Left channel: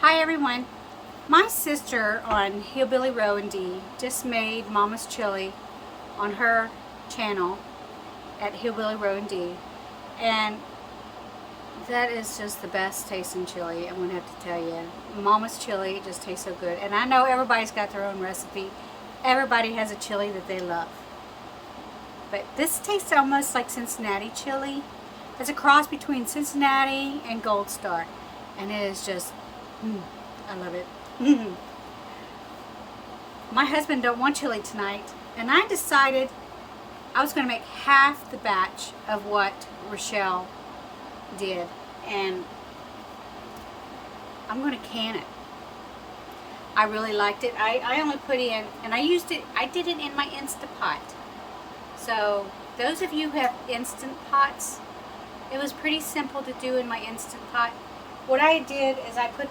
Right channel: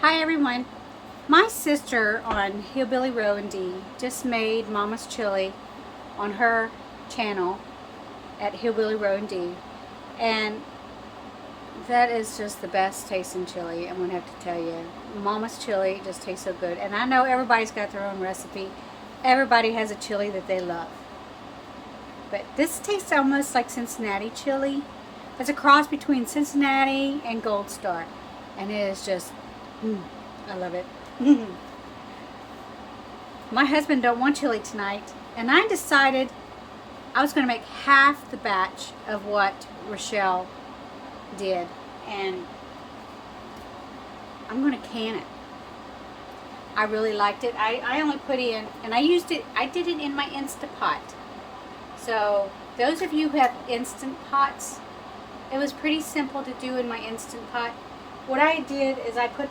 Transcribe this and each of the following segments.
Hi everyone. My sister on Hillbilly Row and D just made Mama's Chili on her channel at Hillbilly Row and D, and that is just the best tasting chili. I'm gonna have to tell you, Mama's chili just tastes so good. And I know everybody's got their own recipe. Everybody has a chili that they love, but this tastes almost like Cincinnati chili. It's a cross between Cincinnati and Gold Star, and it is just, I love it. My husband don't want chili tonight, and I decided I was going to make half the batch of what Rochelle did, and I'm going to can it. I really liked it. I only put in, and I did it in my Instant Pot. So those of you who have Instant Pots, it was pretty simple to do in my Instant Pot. What I did is I put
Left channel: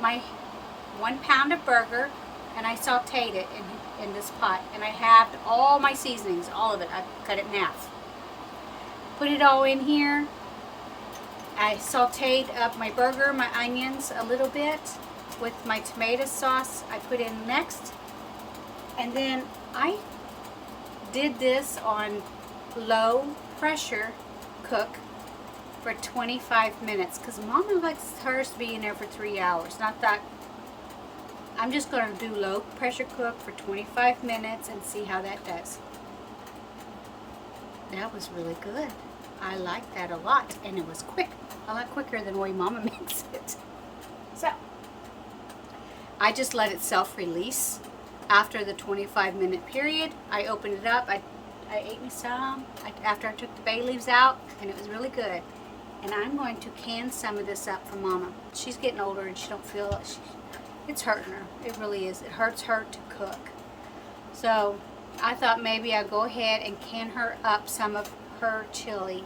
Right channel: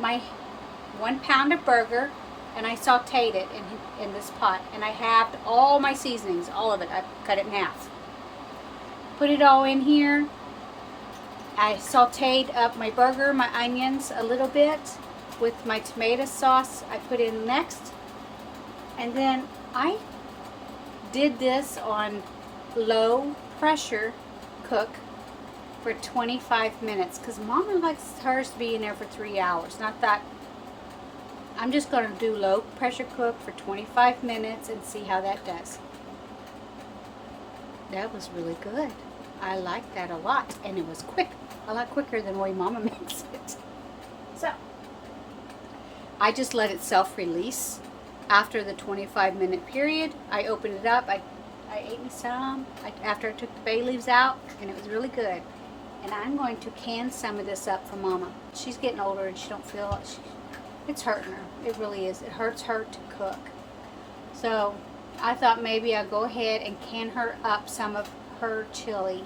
my 1 pound of burger and I sauteed it in this pot, and I halved all my seasonings, all of it. I cut it in half. Put it all in here. I sauteed up my burger, my onions a little bit with my tomato sauce I put in next. And then I did this on low pressure cook for 25 minutes because Mama likes hers to be in there for 3 hours. Not that. I'm just going to do low pressure cook for 25 minutes and see how that does. That was really good. I liked that a lot, and it was quick. A lot quicker than the way Mama makes it. So I just let it self-release. After the 25-minute period, I opened it up. I ate me some after I took the bay leaves out, and it was really good. And I'm going to can some of this up for Mama. She's getting older and she don't feel it's hurting her. It really is. It hurts her to cook. So I thought maybe I'll go ahead and can her up some of her chili.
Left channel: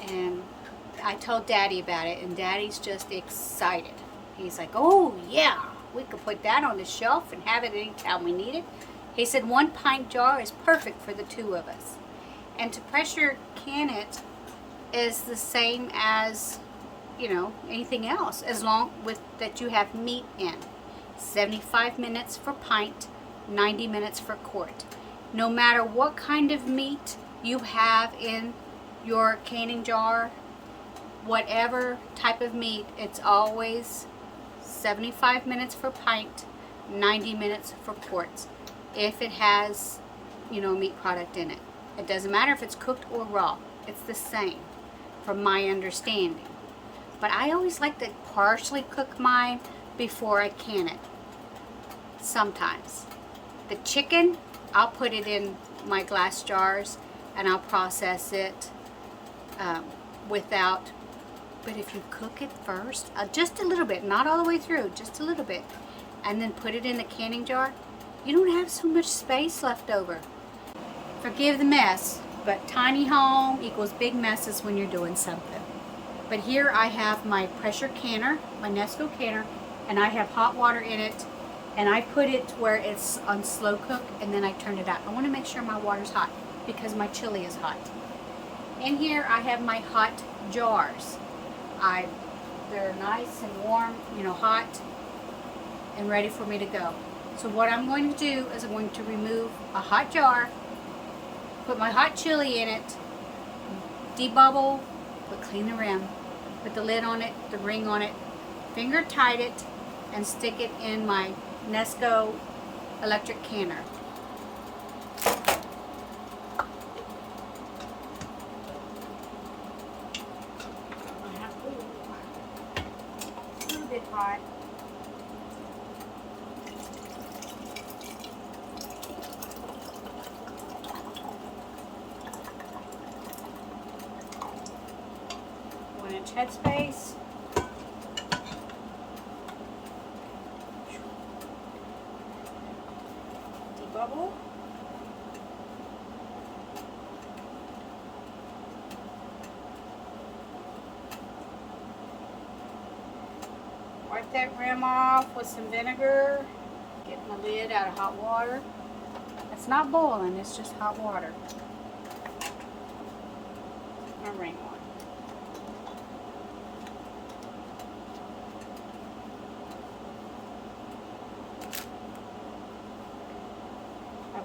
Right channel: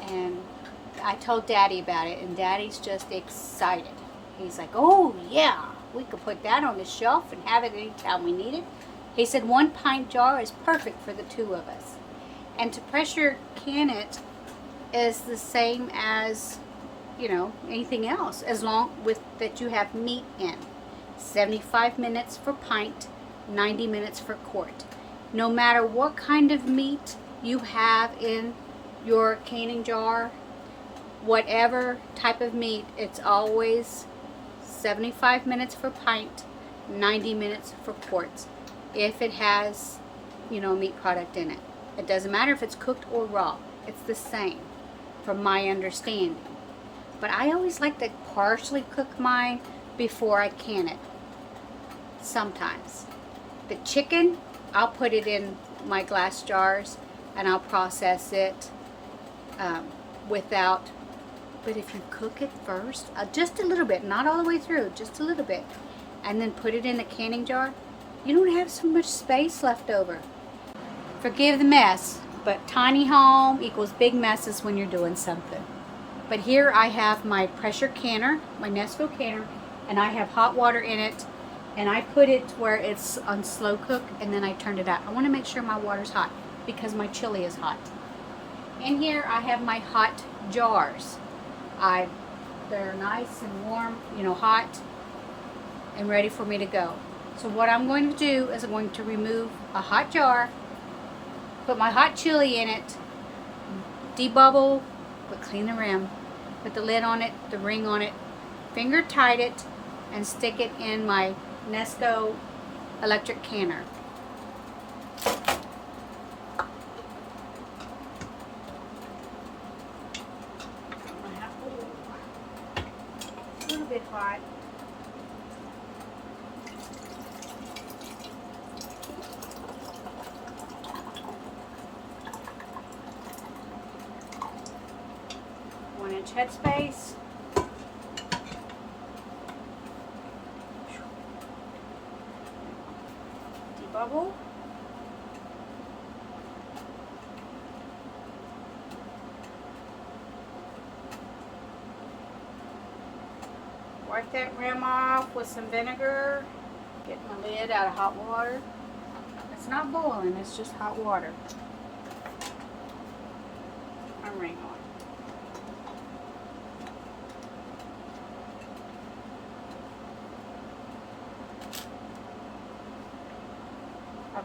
And I told Daddy about it, and Daddy's just excited. He's like, oh yeah, we could put that on the shelf and have it anytime we need it. He said 1 pint jar is perfect for the 2 of us. And to pressure can it is the same as, anything else, as long with that you have meat in. 75 minutes for pint, 90 minutes for quart. No matter what kind of meat you have in your canning jar, whatever type of meat, it's always 75 minutes for pint, 90 minutes for quarts. If it has, meat product in it. It doesn't matter if it's cooked or raw. It's the same, from my understanding. But I always like to partially cook mine before I can it. Sometimes. The chicken, I'll put it in my glass jars and I'll process it without. But if you cook it first, just a little bit, not all the way through, just a little bit, and then put it in the canning jar, you don't have so much space left over. Forgive the mess, but tiny home equals big messes when you're doing something. But here I have my pressure canner, my Nesco canner, and I have hot water in it, and I put it where it's on slow cook, and then I turn it out. I want to make sure my water's hot because my chili is hot. In here I have my hot jars. They're nice and warm, hot and ready for me to go. So what I'm going to do is I'm going to remove a hot jar, put my hot chili in it, debubble, clean the rim, put the lid on it, the ring on it, finger tight it, and stick it in my Nesco electric canner. A little bit hot. Inch headspace. Debubble. Wipe that rim off with some vinegar. Get my lid out of hot water. It's not boiling, it's just hot water. My ring on.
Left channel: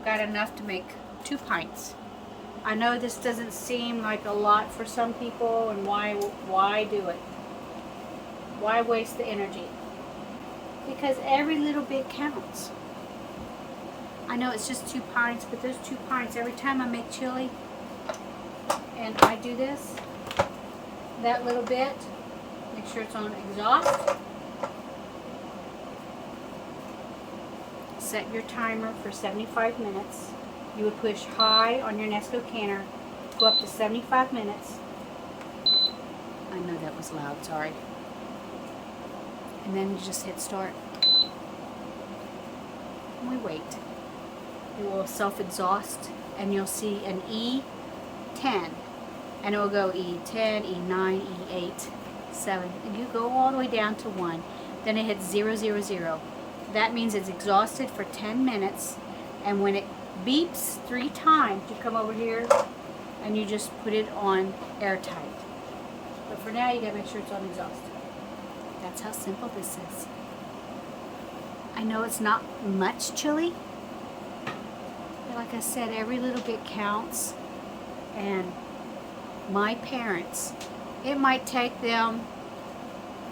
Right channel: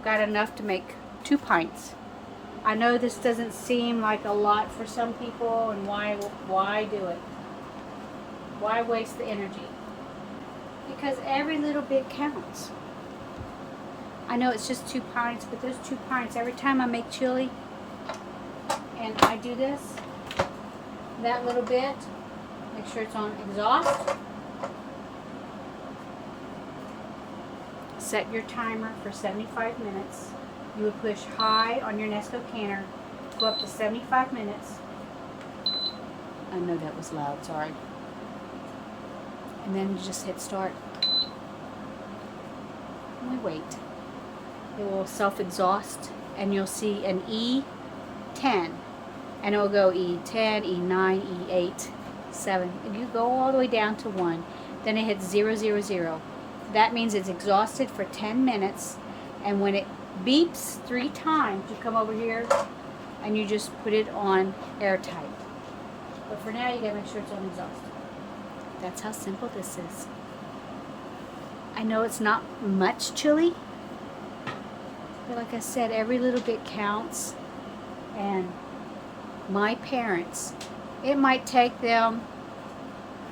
I've got enough to make 2 pints. I know this doesn't seem like a lot for some people, and why do it? Why waste the energy? Because every little bit counts. I know it's just 2 pints, but those 2 pints, every time I make chili and I do this, that little bit, make sure it's on exhaust. Set your timer for 75 minutes. You would push high on your Nesco canner, go up to 75 minutes. I know that was loud, sorry. And then you just hit start. And we wait. It will self-exhaust, and you'll see an E10. And it will go E10, E9, E8, 7. And you go all the way down to 1. Then it hits 0, 0, 0. That means it's exhausted for 10 minutes. And when it beeps 3 times, you come over here and you just put it on airtight. But for now, you gotta make sure it's on exhaust. That's how simple this is. I know it's not much chili, but like I said, every little bit counts. And my parents, it might take them,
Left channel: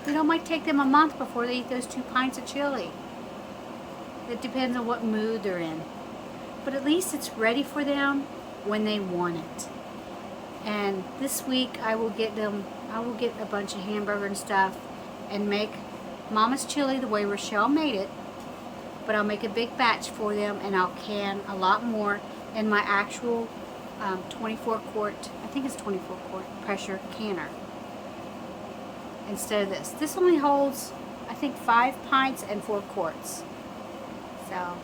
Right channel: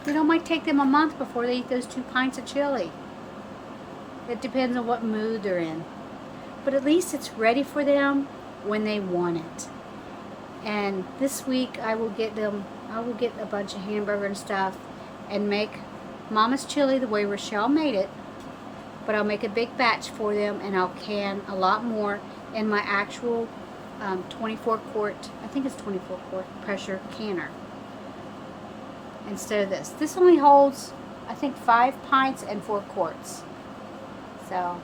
might take them a month before they eat those 2 pints of chili. It depends on what mood they're in. But at least it's ready for them when they want it. And this week I will get a bunch of hamburger and stuff and make Mama's chili the way Rochelle made it. But I'll make a big batch for them, and I'll can a lot more in my actual 24 quart, I think it's 24 quart pressure canner instead of this. This only holds, I think, 5 pints and 4 quarts. So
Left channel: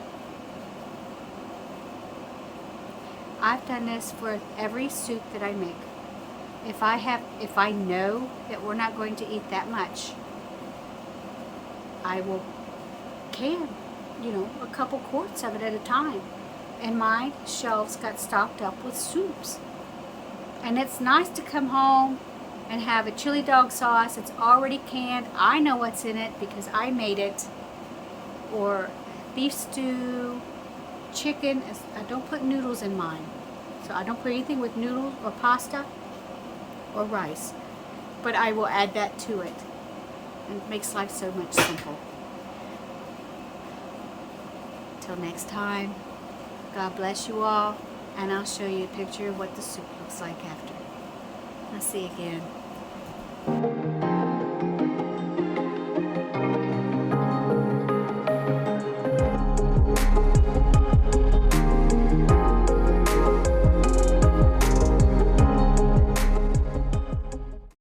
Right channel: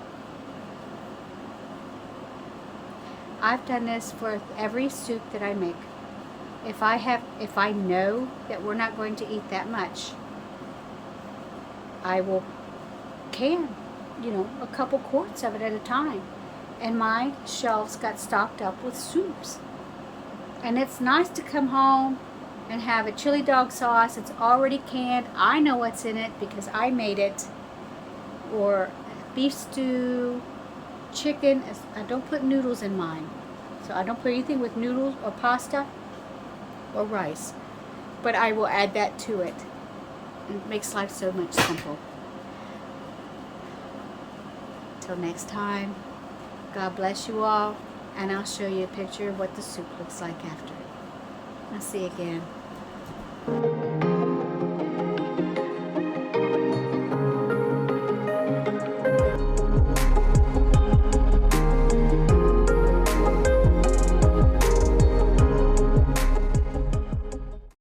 I've done this for every soup that I make. If I know that we're not going to eat that much, I will can, a couple quarts of it at a time. And my shelves got stocked up with soups. And it's nice to come home and have a chili dog sauce. It's already canned. I know what's in it because I made it. Or beef stew, chicken. I don't put noodles in mine. So I don't put anything with noodles or pasta or rice. But I will add that to it. And it makes life so much simple. Till next time, God bless you all, and I'll show you a picture of what the soup looks like after. I'll see you again.